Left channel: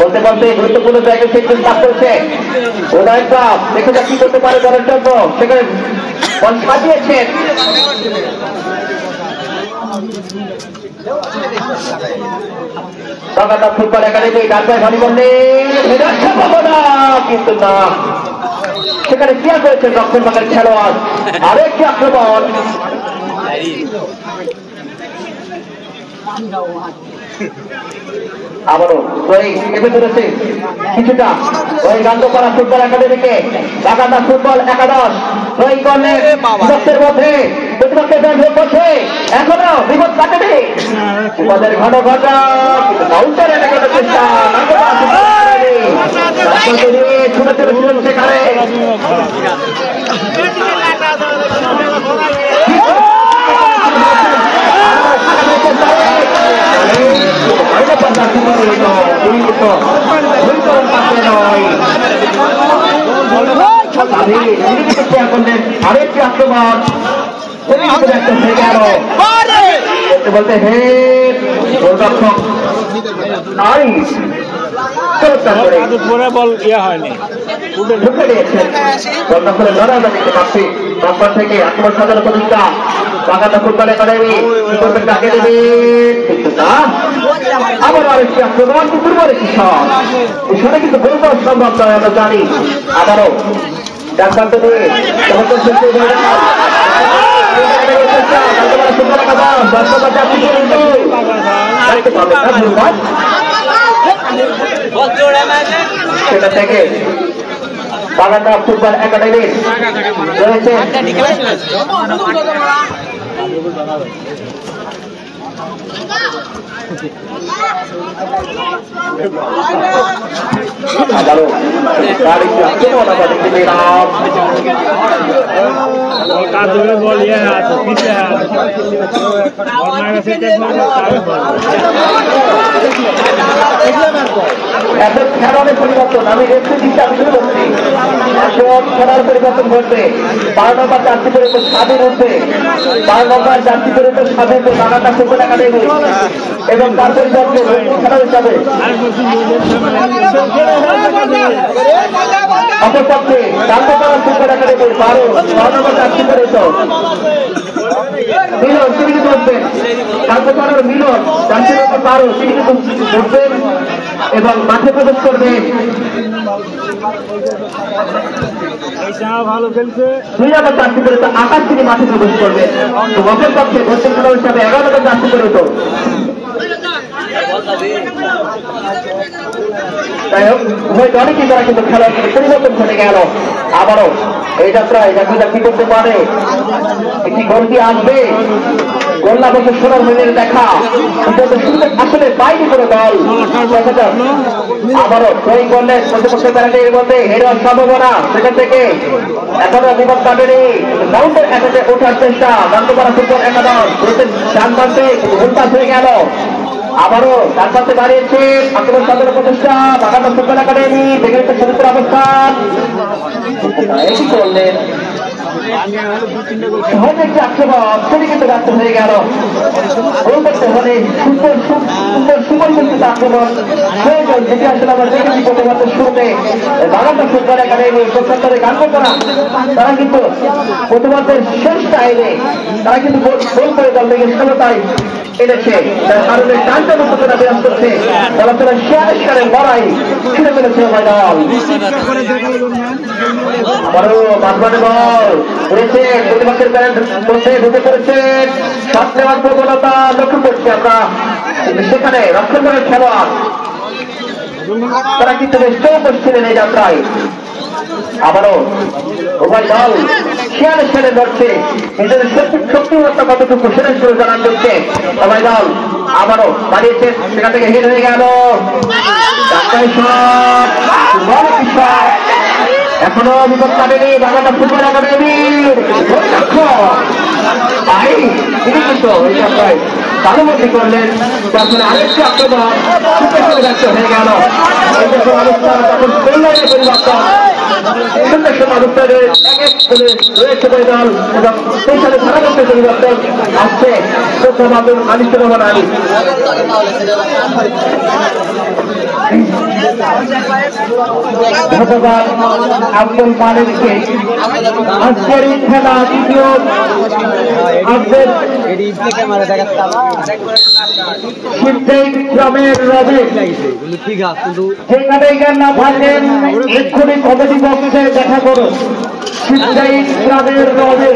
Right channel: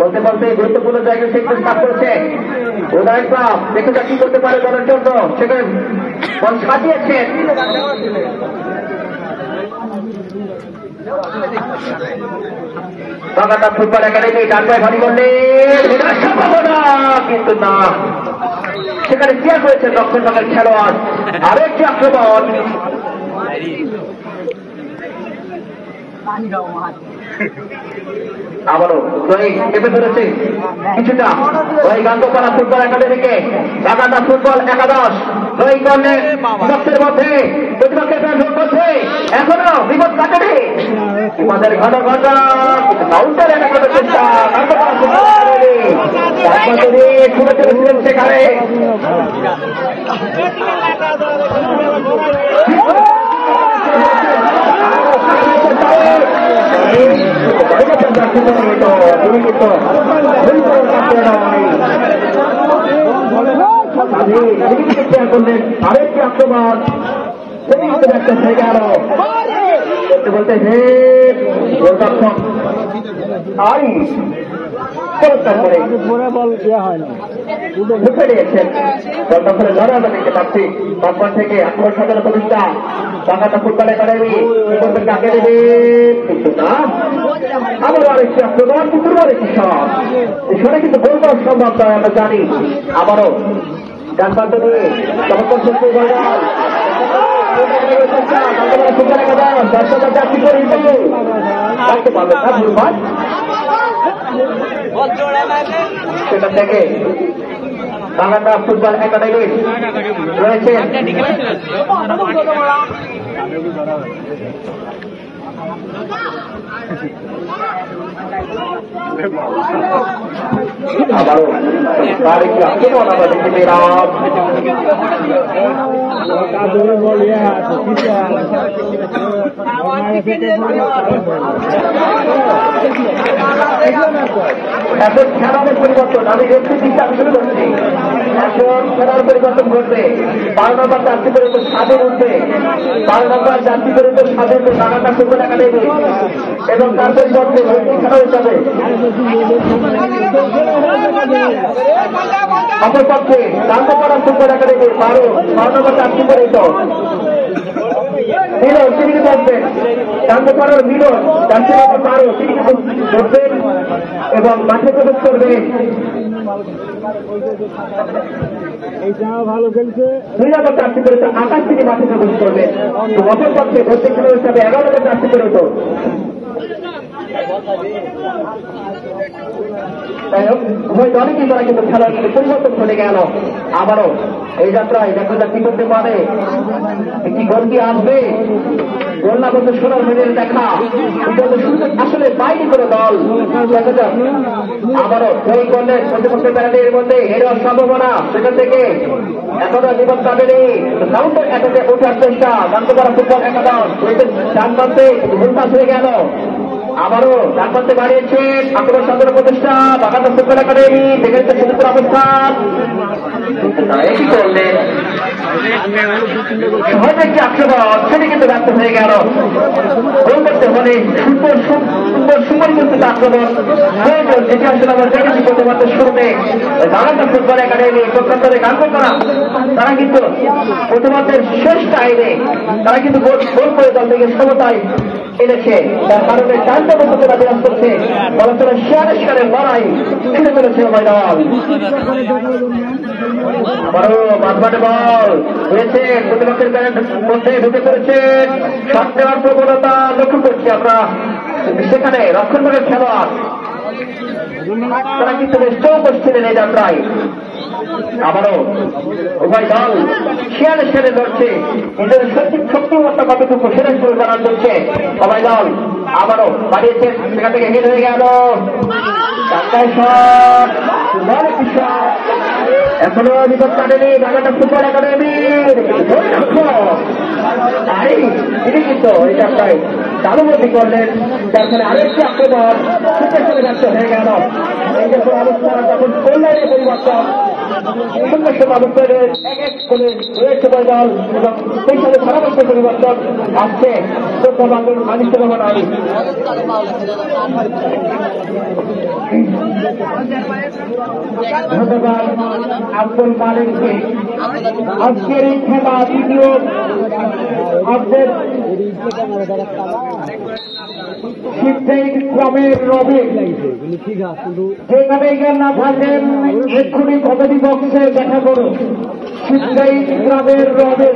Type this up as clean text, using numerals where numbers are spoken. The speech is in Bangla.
বলতে বলতে গুরুত্বপূর্ণ জায়গায় সেকশন পাস করেছে উদয়নটা দেখে যা কি করতে পারে দলের জন্য সেখানে বল সাজিয়েছেন বাগানা ফুটবল একাডেমি ডানবাই ভারী করলে কিন্তু না সেখানে ক্লিয়ার করেছেন দক্ষিণবঙ্গের খেলোয়াড় আরেকটি আক্রমণ আবারও এতে ধরেছে কিছুটা ওই গান্ধপাড়া ফুটবল একাডেমিকে বাগানা ফুটবল একাদশ ওই কর্ণের বিপক্ষের মধ্যে প্রতিপক্ষের দল করছে এখনো বিপদ কাটেনি বিপদের ঘন ঘটা কাউন্টারে দেখানোর চেষ্টা ছুটে চলেছিলেন সেখানে আরেকটি আক্রমণ বলতে হে গোলরক্ষক বল ইয়া হয়নি ঢুকে দিয়েছেন গোলরক্ষকের ধরা আমরা দেখতে পাচ্ছি বাগবান থেকে আক্রমণ সাজানো প্রতিষ্ঠা বাগানা ফুটবল একাডেমি আগে দেবে কিন্তু না আবারও আরেকটি আক্রমণ দুর্বল একটি শট এখানে কিন্তু গোল করা সম্ভব নয় আমরা জানি আবারও ডান প্রান্ত দিয়ে চমৎকার সৃষ্টি সেটা থেকে বাগানা ফুটবল একাডেমির রয়েছে বল ইয়ে হাত পিছে হাত এখন খেলার পরিবর্তন আমি একটু চিন্তা শুরু করছি এখন খেলার পরিবর্তন ঘটবে 12 নম্বর যাত্রী পর্যন্ত স্বাধীন উঠবে 12 নম্বর যাত্রী পর্যন্ত স্বাধীন বাগানা ফুটবল একাডেমি এবং তার পরিবর্তে খেলা হিসাবে অপরপক্ষে গান্ধপাড়া ফুটবল একাডেমির 12 নম্বর যাত্রী পর্যন্ত মিলন তিনি কিন্তু উঠবেন গান্ধপাড়ার মিলন যাত্রী পর্যন্ত 12 তিনি কিন্তু উঠবেন এবং মাঠে প্রবেশ করবেন ভালো খেলছে 2 নম্বর যাত্রী পর্যন্ত আকাশ তিনি মাঠে প্রবেশ করবেন অপরপক্ষে দক্ষিণ খেলা হিসাবে 11 নম্বর যাত্রী পর্যন্ত অনেকেই তারা কিন্তু খেলার পরিবর্তন ঘটে গেল আবারও এই যাত্রায় যাত্রীরা কি করতে পারে একটি গন্ডি আসবে গোল্লা বছর সোনার মিলের দেখা আসলে বাইরে করে দল আবারও ওই গোল্ডের প্রতিপক্ষের প্যারাটির মধ্যে হেরার সম্ভাবনা সেখান থেকে এখনো বিপদ কাটেনি রাউন্ডের কাছে ওঠার চেষ্টা গান্ধপাড়া ফুটবল একাদশ ডান প্রান্তে উল্টাস হয়ে গেল আবারও ডান প্রান্তে বাড়িয়েছে আক্রমণ সাধারণ প্রতিষ্ঠা বাগানা ফুটবল একাডেমি দেখে সমুদ্র অবস্থান কি করলেন সহজ একটি আক্রমণ সেটি কিন্তু ব্যর্থ হয়ে গেল গোল করতে হলে সুন্দর সুপরিকল্পিত আক্রমণ প্রয়োজন যেটি আসলে আমরা দেখেছি প্রথমত শুরুতে বাগানা ফুটবল একাডেমি প্রত্যন্তরে গান করা তারা কিন্তু প্রথমার্ধের শেষ টাইমে তারা কিন্তু গোল করে দল থেকে সমতায় এনেছে যার কারণে টানটা পর্যন্ত বিরাজ করছে বলাচলে শিকারের লড়াই ফিরে ফেলেছে উভয় দল মাঝমাঠে বল রয়েছে প্রতিপক্ষের মধ্যে ঢুকে পড়েছেন শট নেওয়ার প্রবণতা লক্ষ্য করছি আমরা সেখানে রক্ষণভাগের খেলোয়াড় তারা কিন্তু বেশ করছিলেন এই যাত্রায় আবারও উভয় দল খেয়ালে ছেড়ে ধরছে নিজেদের শক্তিমত্তা কতটুকু সেটা শুরু জানার চলছে উভয় দল আবারও বাড়িয়েছেন সেখান থেকে হিট হয়ে গেল এখনো বিপদ কাটেনি বাগানা ফুটবল একাডেমির তিনি কিন্তু এই যাত্রায় তালুবন্দী করলেন যার ফলে আরেকটি আক্রমণ ব্যস্ত হয়ে গেল অবস্থা তখন কল্যাণের পরিবর্তন সুন্দর সুন্দর অবস্থায় রয়েছে দল এবং সেই সাথে ধারাপত্র পরিবর্তন আসছে আনিস রহমান আলী ধন্যবাদ আব্দুল মালিককে। আজকের এই খেলা দ্বিতীয় গ্রামের রবি যেখানে না থাকেন এক্ষুনি কমেডি বক্সে দেখা করুন। গ্রামের রবি